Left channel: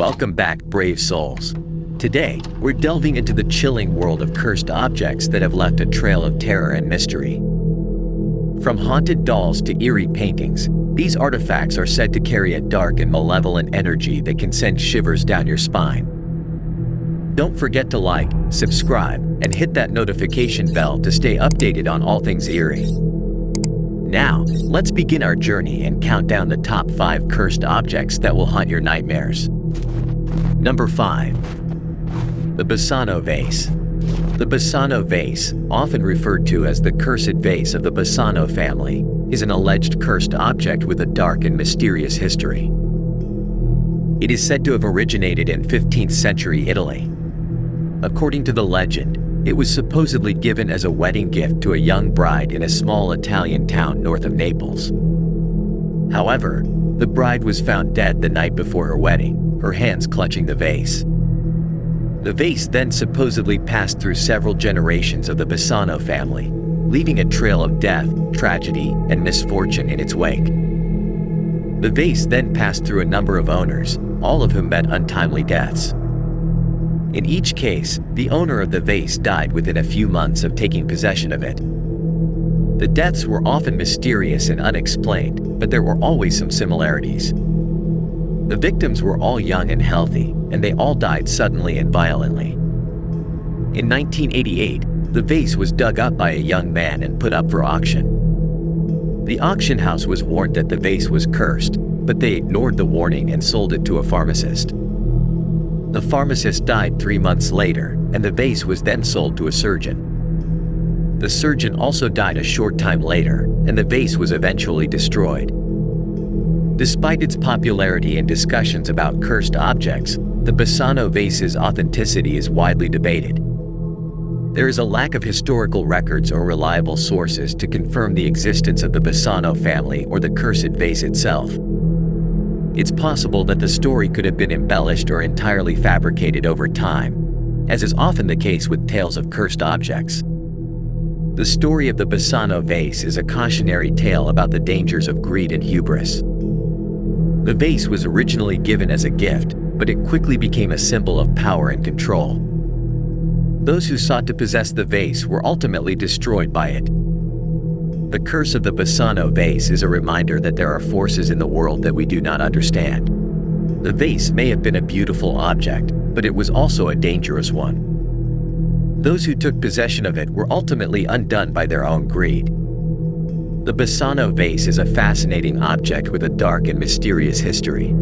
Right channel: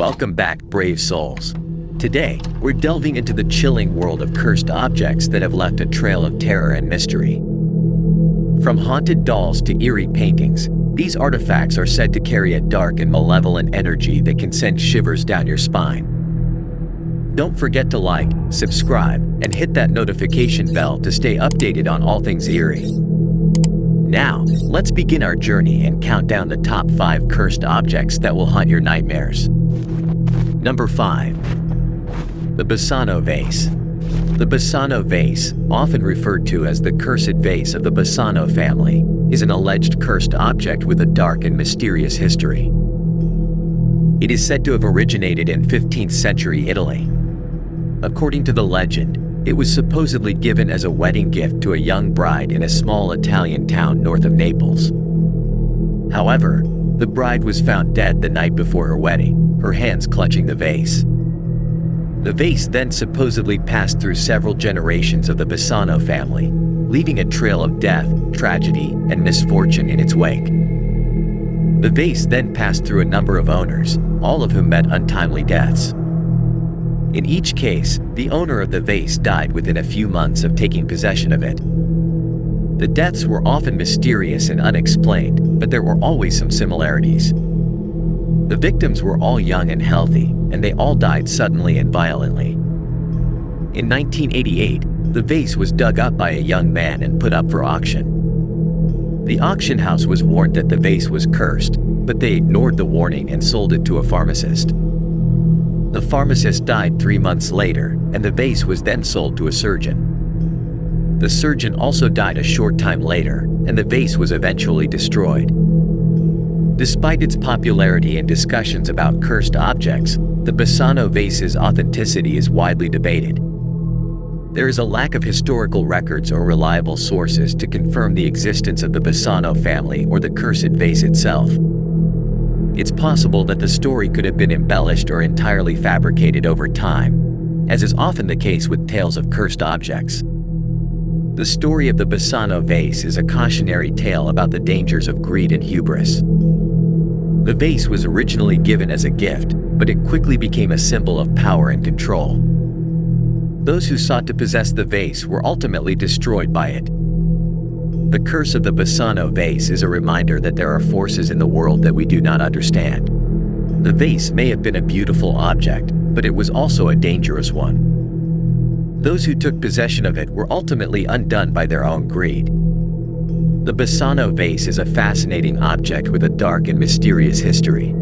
Welcome back, brave souls. Today, we're delving into the chilling world of cursed objects that have left a trail of terror and mystery. From haunted dolls to eerie paintings, these artifacts are said to carry a dark and malevolent energy that can send shivers down your spine. Don't forget to like, subscribe, and hit that notification bell to stay updated on all things eerie. Now, let's begin our journey and count down the top 5 cursed objects that will haunt your nightmares. Number 5. The Bassano Vase. The Bassano Vase, often referred to as the cursed vase of the Bassano family, is an alleged cursed object with a dark and mysterious history. It is said to have originated in 15th century Italy. According to the legend, it was supposedly given as a wedding gift to a young bride in a small Italian town north of Naples. However, the bride was found dead the night before her wedding, her hands clutching the vase. The vase then supposedly passed through several generations of the Bassano family, leaving a trail of death, tragedy, and misfortune in its wake. The vase then passed through a number of owners, all of whom met untimely deaths. In each case, the owner of the vase died within a few months of taking possession of it. The deaths were often mysterious and unexplained, but there were always some similarities. The victims were all young and healthy, and they all died suddenly and violently. In 1988, the vase was dug up by a young man and put up for auction. The auction house was warned that the vase was cursed, but they ignored the warning and sold it to a pharmacist. The pharmacist died 3 months later, and the vase was then sold to a surgeon. The surgeon also died a short time later, and the vase was eventually destroyed. Despite its popularity and discussions about cursed objects, the Bassano vase's authenticity is widely debated. There is a lack of historical records or reliable sources to confirm the existence of the Bassano family or the cursed vase itself. It's possible that the story could have been embellished or entirely fabricated over time, as is often the case with tales of cursed objects. The story of the Bassano vase is a cautionary tale about the dangers of greed and hubris. The vase was originally given as a gift, but it quickly became a symbol of power and control. Those who sought to possess the vase were ultimately destroyed by it. The curse of the Bassano vase is a reminder that there are forces in the world that we do not understand. The vase may have been a beautiful object, but it was also a dangerous one. Those who took possession of it were ultimately undone by their own greed. The Bassano vase is a fascinating object with a dark and mysterious history.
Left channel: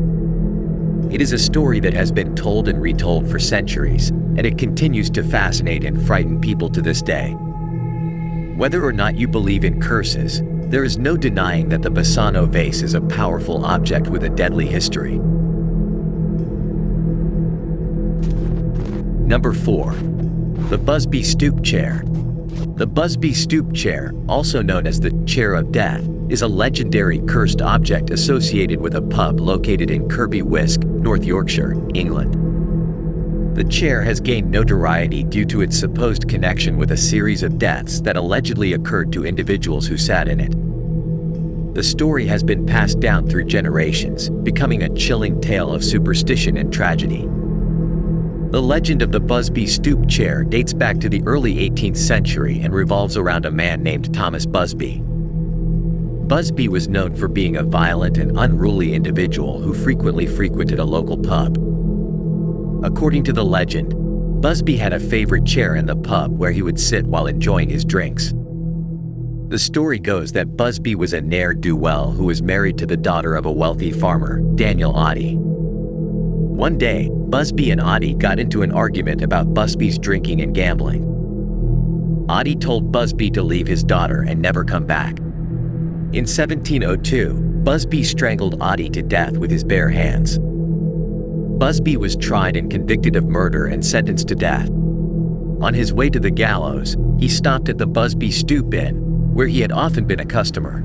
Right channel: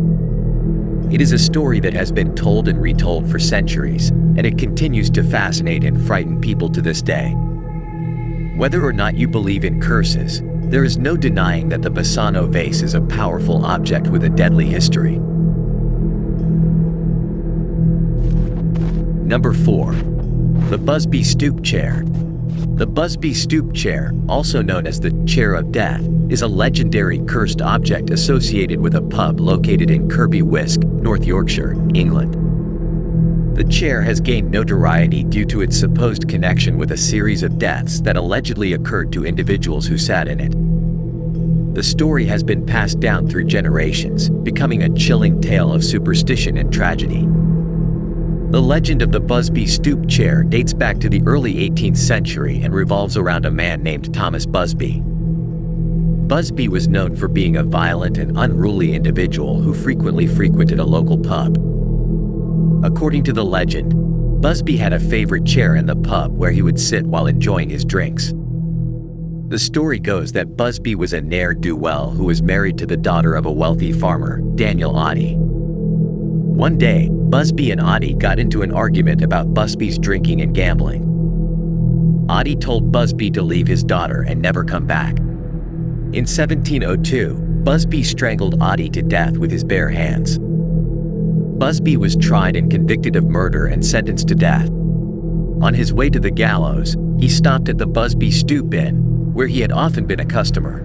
It is a story that has been told and retold for centuries, and it continues to fascinate and frighten people to this day. Whether or not you believe in curses, there is no denying that the Bassano vase is a powerful object with a deadly history. Number 4. The Busby Stoop Chair. The Busby Stoop Chair, also known as the Chair of Death, is a legendary cursed object associated with a pub located in Kirby Wiske, North Yorkshire, England. The chair has gained notoriety due to its supposed connection with a series of deaths that allegedly occurred to individuals who sat in it. The story has been passed down through generations, becoming a chilling tale of superstition and tragedy. The legend of the Busby Stoop Chair dates back to the early 18th century and revolves around a man named Thomas Busby. Busby was known for being a violent and unruly individual who frequently frequented a local pub. According to the legend, Busby had a favorite chair in the pub where he would sit while enjoying his drinks. The story goes that Busby was a ne'er-do-well who was married to the daughter of a wealthy farmer, Daniel Oddie. One day, Busby and Oddie got into an argument about Busby's drinking and gambling. Oddie told Busby to leave his daughter and never come back. In 1702, Busby strangled Oddie to death with his bare hands. Busby was tried and convicted of murder and sentenced to death. On his way to the gallows, he stopped at the Busby Stoop Inn, where he had often been a customer.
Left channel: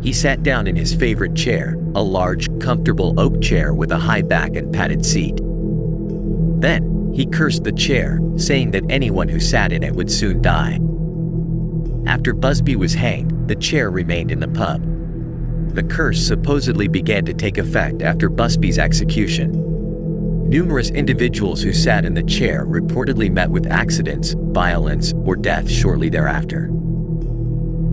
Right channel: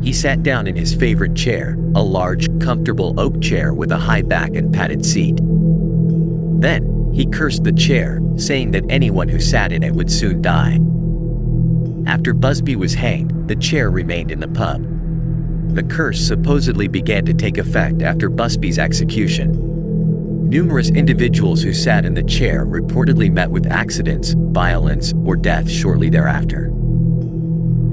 He sat down in his favorite chair, a large, comfortable oak chair with a high back and padded seat. Then, he cursed the chair, saying that anyone who sat in it would soon die. After Busby was hanged, the chair remained in the pub. The curse supposedly began to take effect after Busby's execution. Numerous individuals who sat in the chair reportedly met with accidents, violence, or death shortly thereafter.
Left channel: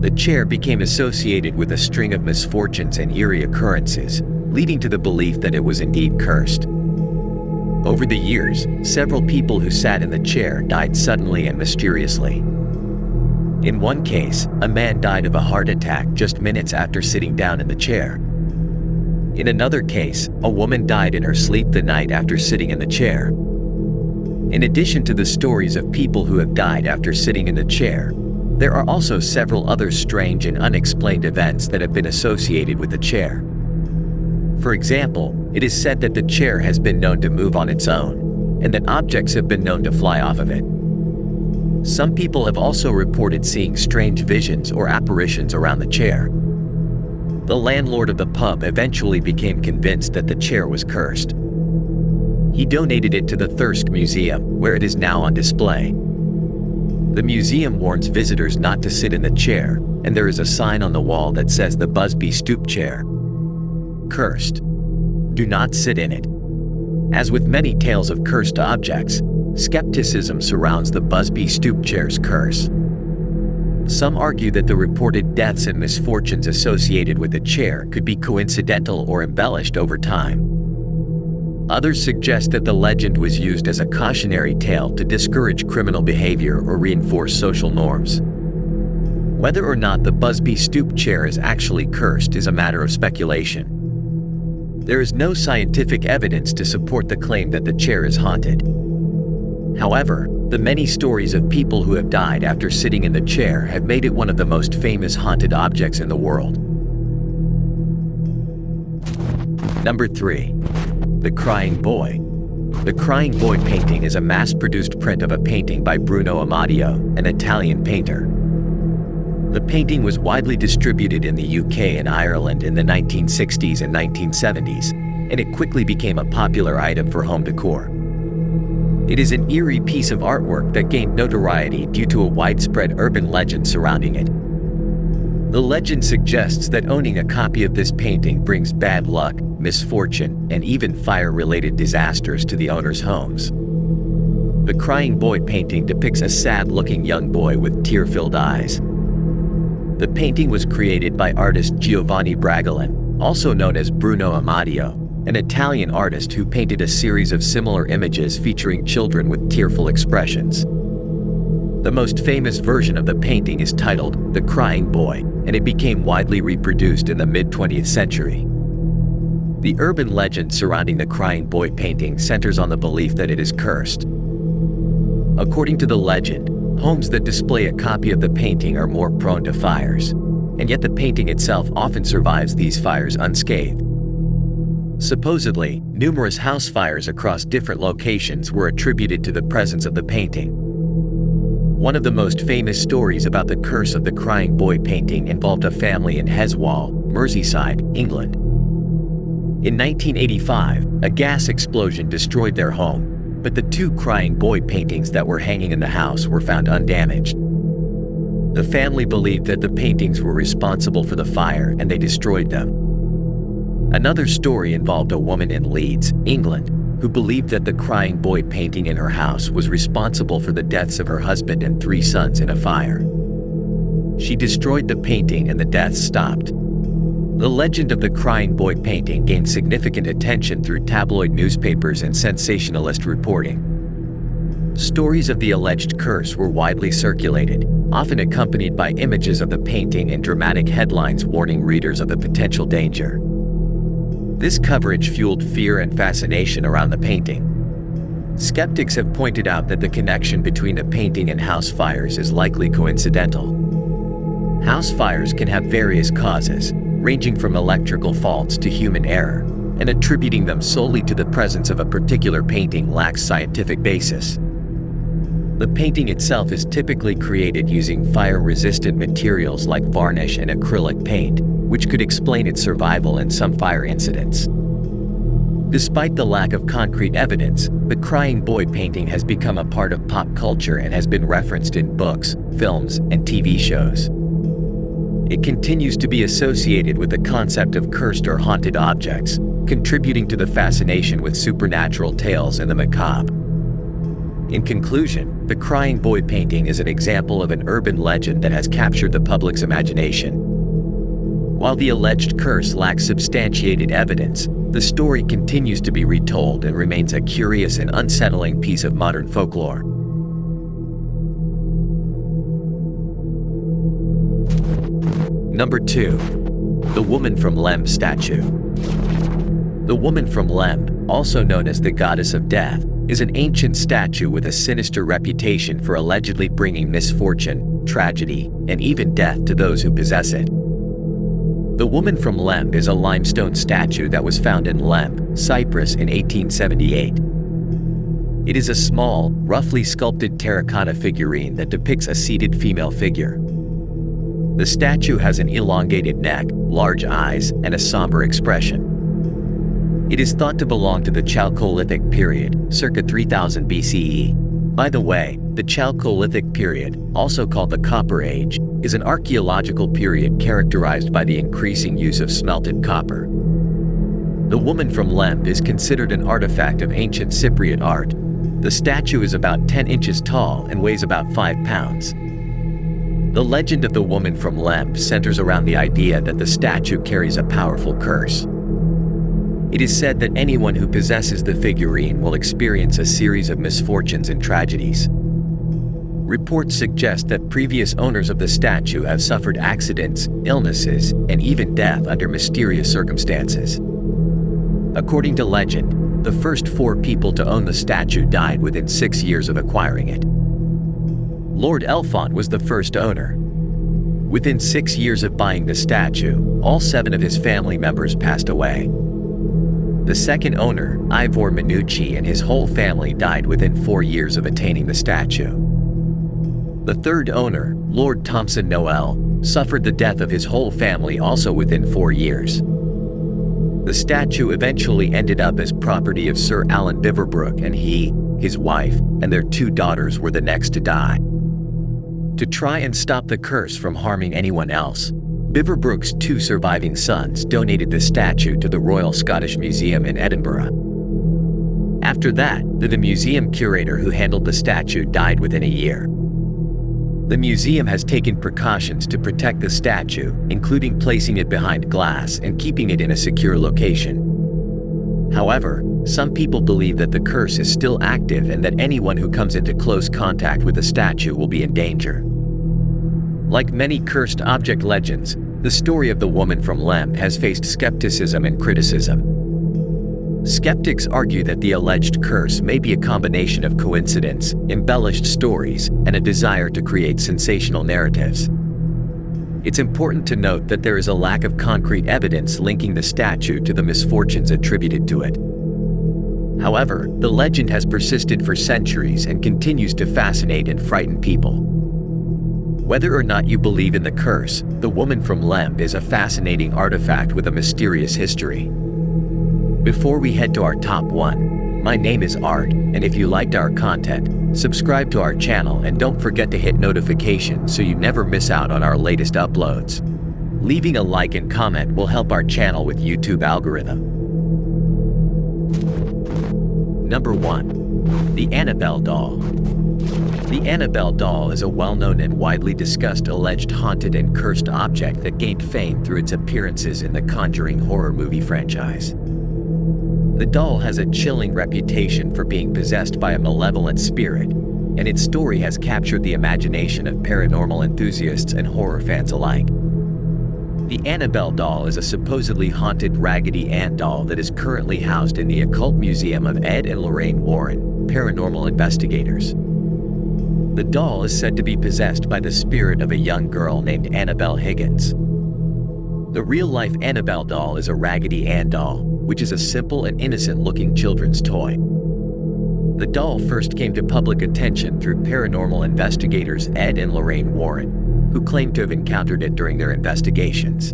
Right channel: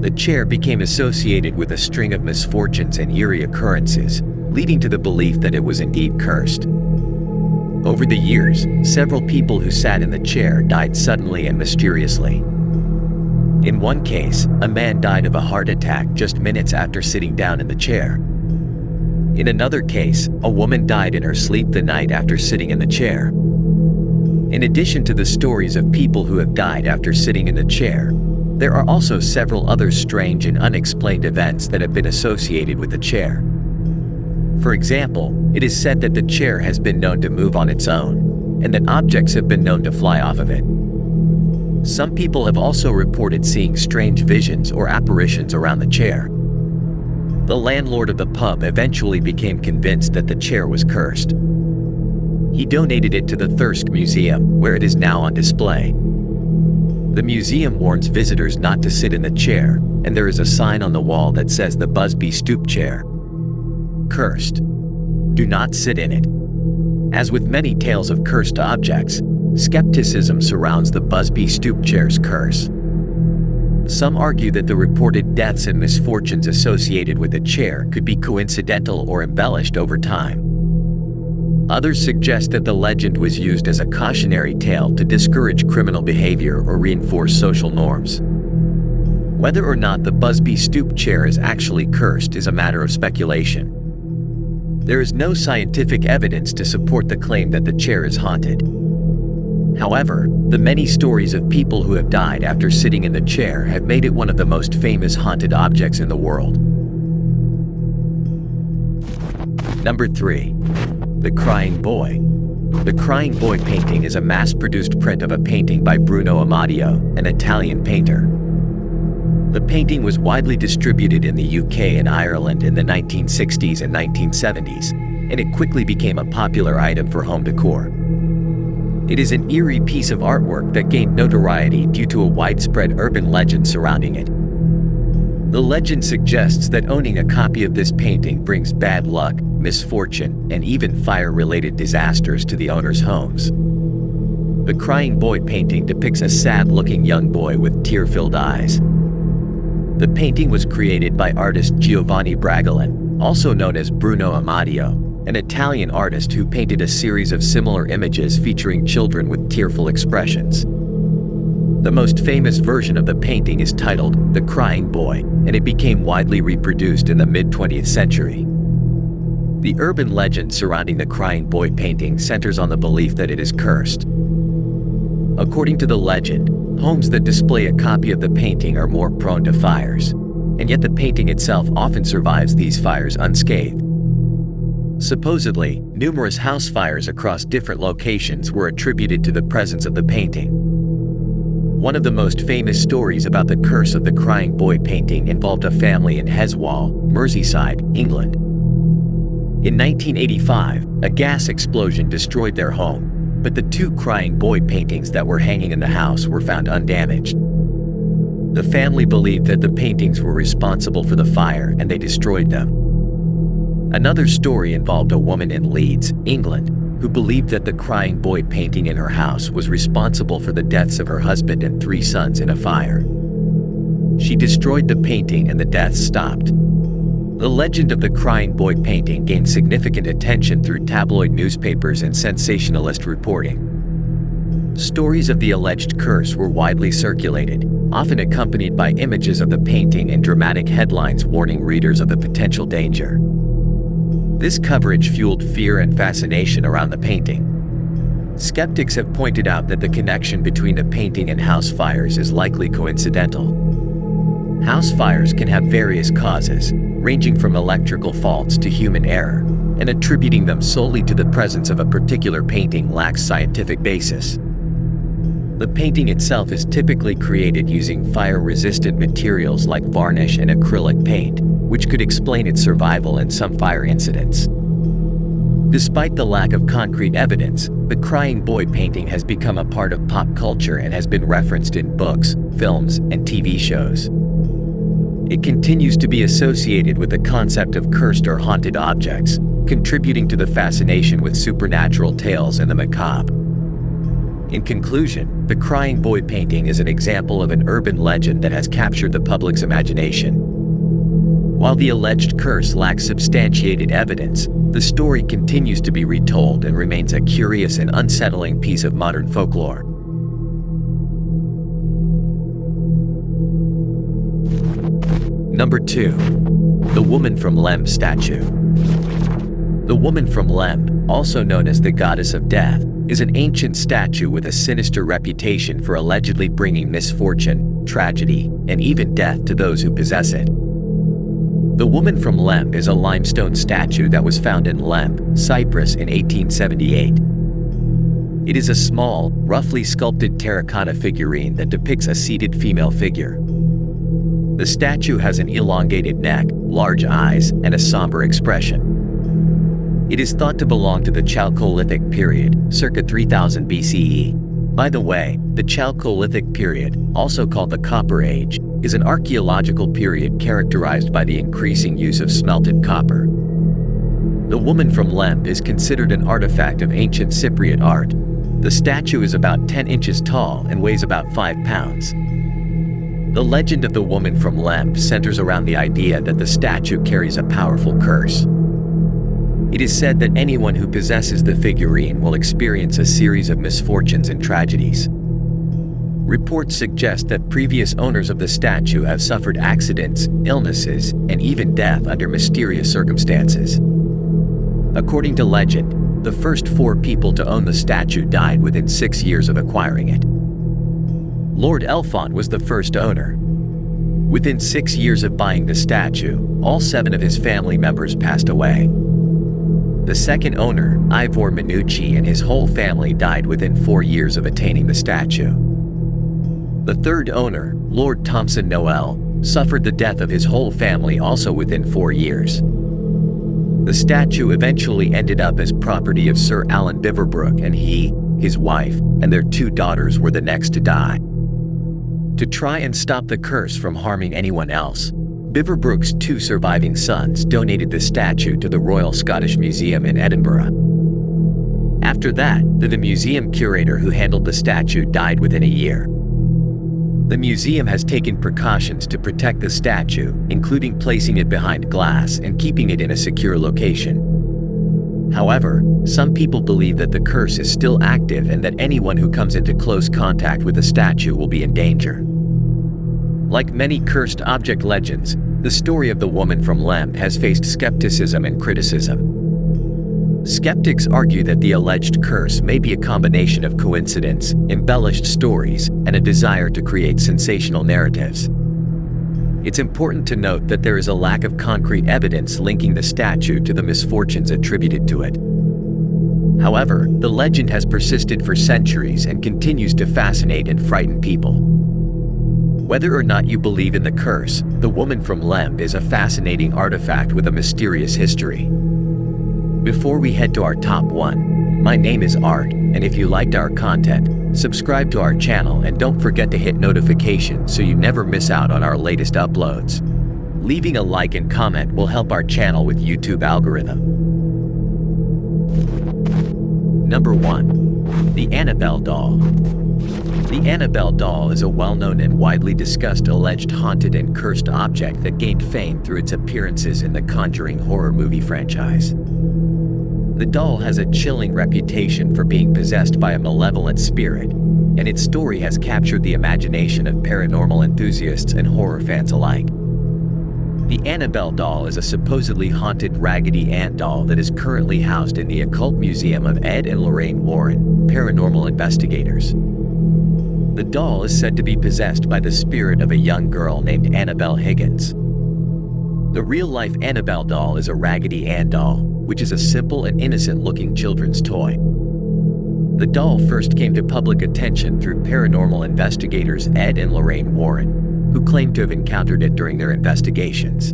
The chair became associated with a string of misfortunes and eerie occurrences, leading to the belief that it was indeed cursed. Over the years, several people who sat in the chair died suddenly and mysteriously. In one case, a man died of a heart attack just minutes after sitting down in the chair. In another case, a woman died in her sleep the night after sitting in the chair. In addition to the stories of people who have died after sitting in the chair, there are also several other strange and unexplained events that have been associated with the chair. For example, it is said that the chair has been known to move on its own, and that objects have been known to fly off of it. Some people have also reported seeing strange visions or apparitions around the chair. The landlord of the pub eventually became convinced that the chair was cursed. He donated it to the Thirsk Museum, where it is now on display. The museum warns visitors not to sit in the chair, and there is a sign on the wall that says the Busby Stoop chair. Cursed. Do not sit in it. As with many tales of cursed objects, skepticism surrounds the Busby Stoop chair's curse. Some argue that the reported deaths and misfortunes associated with the chair could be coincidental or embellished over time. Others suggest that the legend was used as a cautionary tale to discourage criminal behavior or reinforce social norms. Whether or not the Busby Stoop chair is actually cursed is a matter of speculation. There is no scientific evidence to support the claim that the chair is haunted. However, the many stories of people who have died after sitting in the chair have made it one of the most famous haunted objects in the world. Number 3. The Crying Boy. The Crying Boy painting is a mass-produced print of a painting by Bruno Amadio, an Italian painter. The painting was widely distributed in the UK and Ireland in the 1960s and 1970s, and it quickly became a popular item for home decor. It is an eerie piece of artwork that gained notoriety due to a widespread urban legend surrounding it. The legend suggests that owning a copy of this painting brings bad luck, misfortune, and even fire-related disasters to the owner's homes. The Crying Boy painting depicts a sad-looking young boy with tear-filled eyes. The painting was created by artist Giovanni Bragolin, also known as Bruno Amadio, an Italian artist who painted a series of similar images featuring children with tearful expressions. The most famous version of the painting is titled The Crying Boy, and it became widely reproduced in the mid-20th century. The urban legend surrounding the Crying Boy painting centers on the belief that it is cursed. According to the legend, homes that display a copy of the painting are more prone to fires, and yet the painting itself often survives these fires unscathed. Supposedly, numerous house fires across different locations were attributed to the presence of the painting. One of the most famous stories about the curse of the Crying Boy painting involved a family in Heswall, Merseyside, England. In 1985, a gas explosion destroyed their home, but the 2 Crying Boy paintings that were hanging in the house were found undamaged. The family believed that the paintings were responsible for the fire and they destroyed them. Another story involved a woman in Leeds, England, who believed that the Crying Boy painting in her house was responsible for the deaths of her husband and 3 sons in a fire. She destroyed the painting and the deaths stopped. The legend of the Crying Boy painting gained significant attention through tabloid newspapers and sensationalist reporting. Stories of the alleged curse were widely circulated, often accompanied by images of the painting and dramatic headlines warning readers of the potential danger. This coverage fueled fear and fascination around the painting. Skeptics have pointed out that the connection between the painting and house fires is likely coincidental. House fires can have various causes, ranging from electrical faults to human error, and attributing them solely to the presence of a particular painting lacks scientific basis. The painting itself is typically created using fire-resistant materials like varnish and acrylic paint, which could explain its survival in some fire incidents. Despite the lack of concrete evidence, the Crying Boy painting has become a part of pop culture and has been referenced in books, films, and TV shows. It continues to be associated with the concept of cursed or haunted objects, contributing to the fascination with supernatural tales and the macabre. In conclusion, the Crying Boy painting is an example of an urban legend that has captured the public's imagination. While the alleged curse lacks substantiated evidence, the story continues to be retold and remains a curious and unsettling piece of modern folklore. Number 2. The Woman from Lem Statue. The Woman from Lem, also known as the Goddess of Death, is an ancient statue with a sinister reputation for allegedly bringing misfortune, tragedy, and even death to those who possess it. The Woman from Lem is a limestone statue that was found in Lem, Cyprus in 1878. It is a small, roughly sculpted terracotta figurine that depicts a seated female figure. The statue has an elongated neck, large eyes, and a somber expression. It is thought to belong to the Chalcolithic period, circa 3000 BCE. By the way, the Chalcolithic period, also called the Copper Age, is an archaeological period characterized by the increasing use of smelted copper. The Woman from Lem is considered an artifact of ancient Cypriot art. The statue is about 10 inches tall and weighs about 5 pounds. The legend of the Woman from Lem centers around the idea that the statue carries a powerful curse. It is said that anyone who possesses the figurine will experience a series of misfortunes and tragedies. Reports suggest that previous owners of the statue have suffered accidents, illnesses, and even death under mysterious circumstances. According to legend, the first 4 people to own the statue died within 6 years of acquiring it. Lord Elfont was the first owner. Within 6 years of buying the statue, all 7 of his family members passed away. The second owner, Ivor Minucci, and his whole family died within 4 years of attaining the statue. The third owner, Lord Thompson Noel, suffered the death of his whole family also within 4 years. The statue eventually ended up as property of Sir Alan Beaverbrook, and he, his wife, and their 2 daughters were the next to die. To try and stop the curse from harming anyone else, Beaverbrook's 2 surviving sons donated the statue to the Royal Scottish Museum in Edinburgh. After that, the museum curator who handled the statue died within a year. The museum has taken precautions to protect the statue, including placing it behind glass and keeping it in a secure location. However, some people believe that the curse is still active and that anyone who comes into close contact with the statue will be in danger. Like many cursed object legends, the story of the Woman from Lem has faced skepticism and criticism. Skeptics argue that the alleged curse may be a combination of coincidence, embellished stories, and a desire to create sensational narratives. It's important to note that there is a lack of concrete evidence linking the statue to the misfortunes attributed to it. However, the legend has persisted for centuries and continues to fascinate and frighten people. Whether or not you believe in the curse, the Woman from Lem is a fascinating artifact with a mysterious history. Before we head to our top 1, my name is Art, and if you liked our content, subscribe to our channel and don't forget to hit notifications so you never miss out on our latest uploads. Leaving a like and comment will help our channel with YouTube algorithm. Number 1. The Annabelle Doll. The Annabelle Doll is a well-known and widely discussed alleged haunted and cursed object that gained fame through its appearances in the Conjuring horror movie franchise. The doll has a chilling reputation for being possessed by a malevolent spirit, and its story has captured the imagination of paranormal enthusiasts and horror fans alike. The Annabelle Doll is a supposedly haunted Raggedy Ann doll that is currently housed in the Occult Museum of Ed and Lorraine Warren, paranormal investigators. The doll is said to be possessed by the spirit of a young girl named Annabelle Higgins. The real-life Annabelle Doll is a Raggedy Ann doll, which is a simple and innocent-looking children's toy. The doll first came to public attention through paranormal investigators Ed and Lorraine Warren, who claimed to have encountered it during their investigations.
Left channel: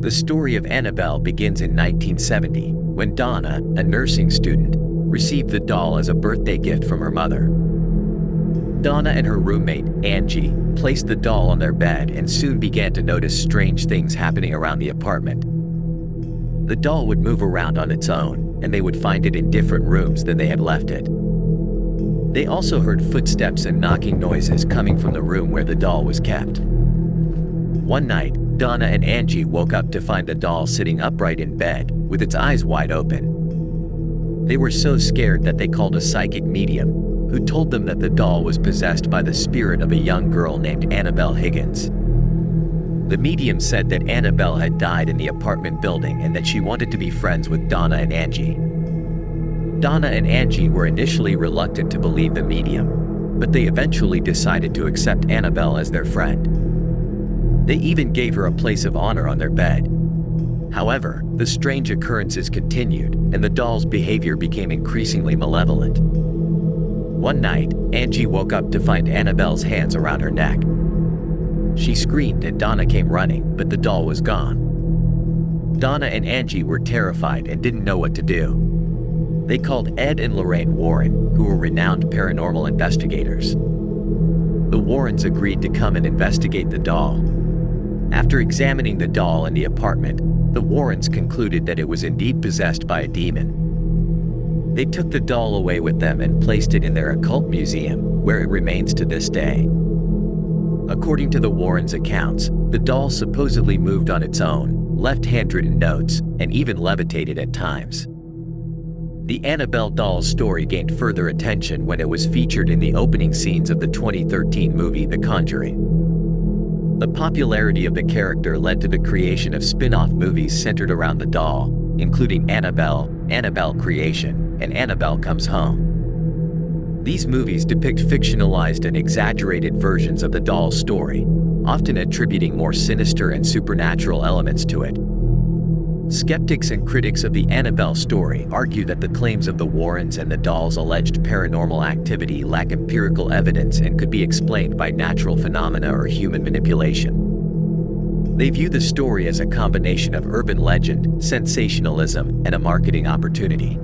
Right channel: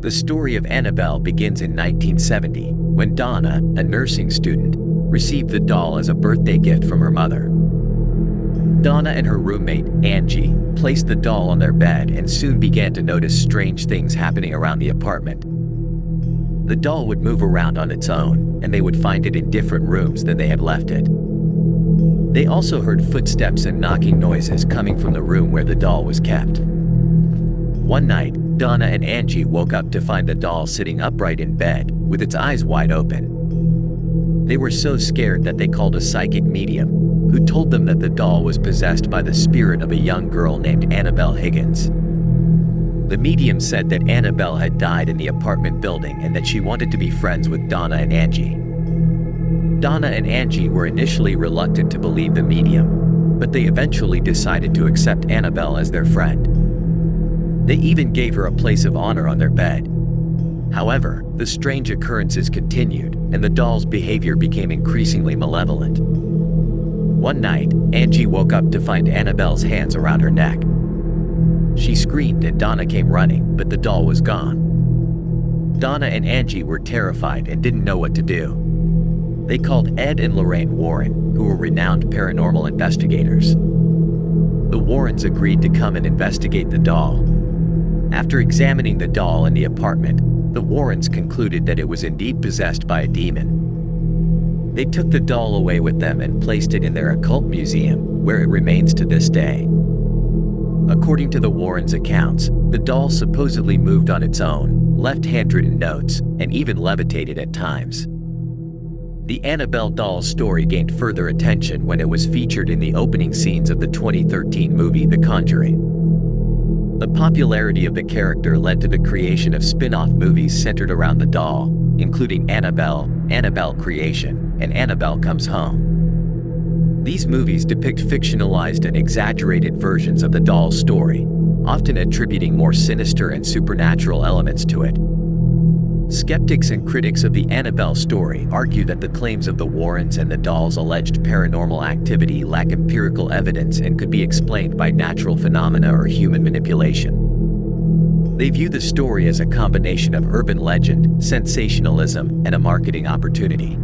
The story of Annabelle begins in 1970, when Donna, a nursing student, received the doll as a birthday gift from her mother. Donna and her roommate, Angie, placed the doll on their bed and soon began to notice strange things happening around the apartment. The doll would move around on its own, and they would find it in different rooms than they had left it. They also heard footsteps and knocking noises coming from the room where the doll was kept. One night, Donna and Angie woke up to find the doll sitting upright in bed, with its eyes wide open. They were so scared that they called a psychic medium, who told them that the doll was possessed by the spirit of a young girl named Annabelle Higgins. The medium said that Annabelle had died in the apartment building and that she wanted to be friends with Donna and Angie. Donna and Angie were initially reluctant to believe the medium, but they eventually decided to accept Annabelle as their friend. They even gave her a place of honor on their bed. However, the strange occurrences continued, and the doll's behavior became increasingly malevolent. One night, Angie woke up to find Annabelle's hands around her neck. She screamed and Donna came running, but the doll was gone. Donna and Angie were terrified and didn't know what to do. They called Ed and Lorraine Warren, who were renowned paranormal investigators. The Warrens agreed to come and investigate the doll. After examining the doll in the apartment, the Warrens concluded that it was indeed possessed by a demon. They took the doll away with them and placed it in their occult museum, where it remains to this day. According to the Warrens' accounts, the doll supposedly moved on its own, left handwritten notes, and even levitated at times. The Annabelle Doll story gained further attention when it was featured in the opening scenes of the 2013 movie The Conjuring. The popularity of the character led to the creation of spin-off movies centered around the doll, including Annabelle, Annabelle Creation, and Annabelle Comes Home. These movies depict fictionalized and exaggerated versions of the doll's story, often attributing more sinister and supernatural elements to it. Skeptics and critics of the Annabelle story argue that the claims of the Warrens and the doll's alleged paranormal activity lack empirical evidence and could be explained by natural phenomena or human manipulation. They view the story as a combination of urban legend, sensationalism, and a marketing opportunity.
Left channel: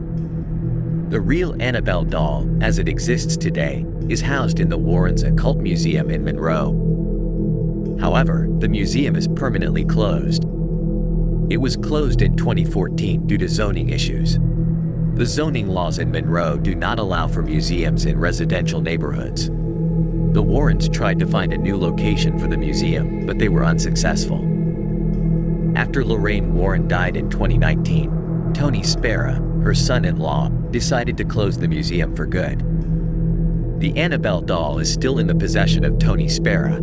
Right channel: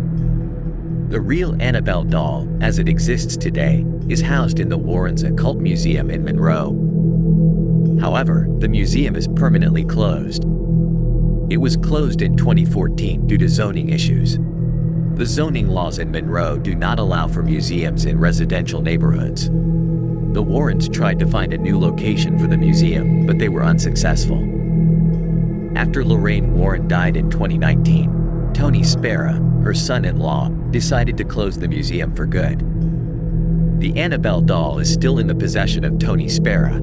The real Annabelle doll, as it exists today, is housed in the Warrens' Occult Museum in Monroe. However, the museum is permanently closed. It was closed in 2014 due to zoning issues. The zoning laws in Monroe do not allow for museums in residential neighborhoods. The Warrens tried to find a new location for the museum, but they were unsuccessful. After Lorraine Warren died in 2019, Tony Spera, her son-in-law, decided to close the museum for good. The Annabelle doll is still in the possession of Tony Spera.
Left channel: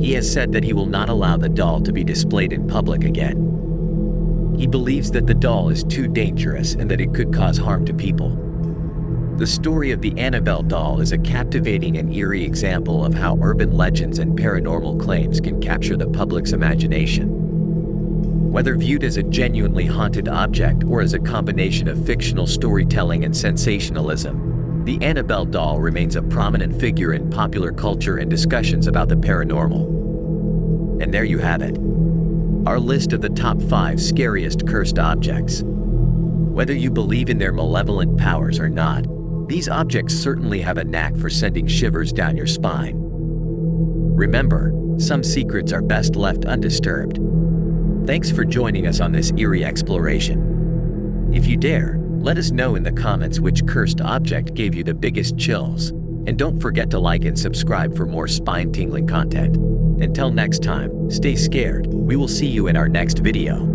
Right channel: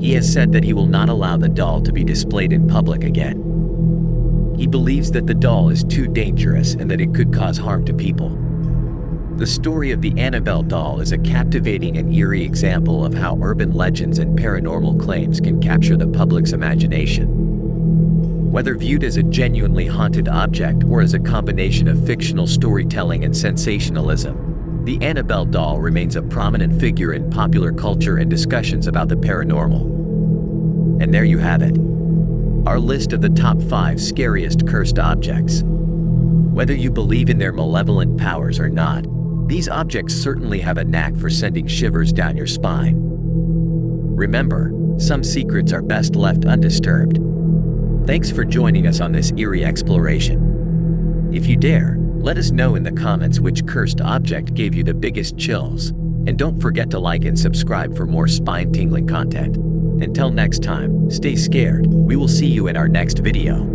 He has said that he will not allow the doll to be displayed in public again. He believes that the doll is too dangerous and that it could cause harm to people. The story of the Annabelle doll is a captivating and eerie example of how urban legends and paranormal claims can capture the public's imagination. Whether viewed as a genuinely haunted object or as a combination of fictional storytelling and sensationalism, the Annabelle doll remains a prominent figure in popular culture and discussions about the paranormal. And there you have it. Our list of the top 5 scariest cursed objects. Whether you believe in their malevolent powers or not, these objects certainly have a knack for sending shivers down your spine. Remember, some secrets are best left undisturbed. Thanks for joining us on this eerie exploration. If you dare, let us know in the comments which cursed object gave you the biggest chills, and don't forget to like and subscribe for more spine-tingling content. Until next time, stay scared. We will see you in our next video.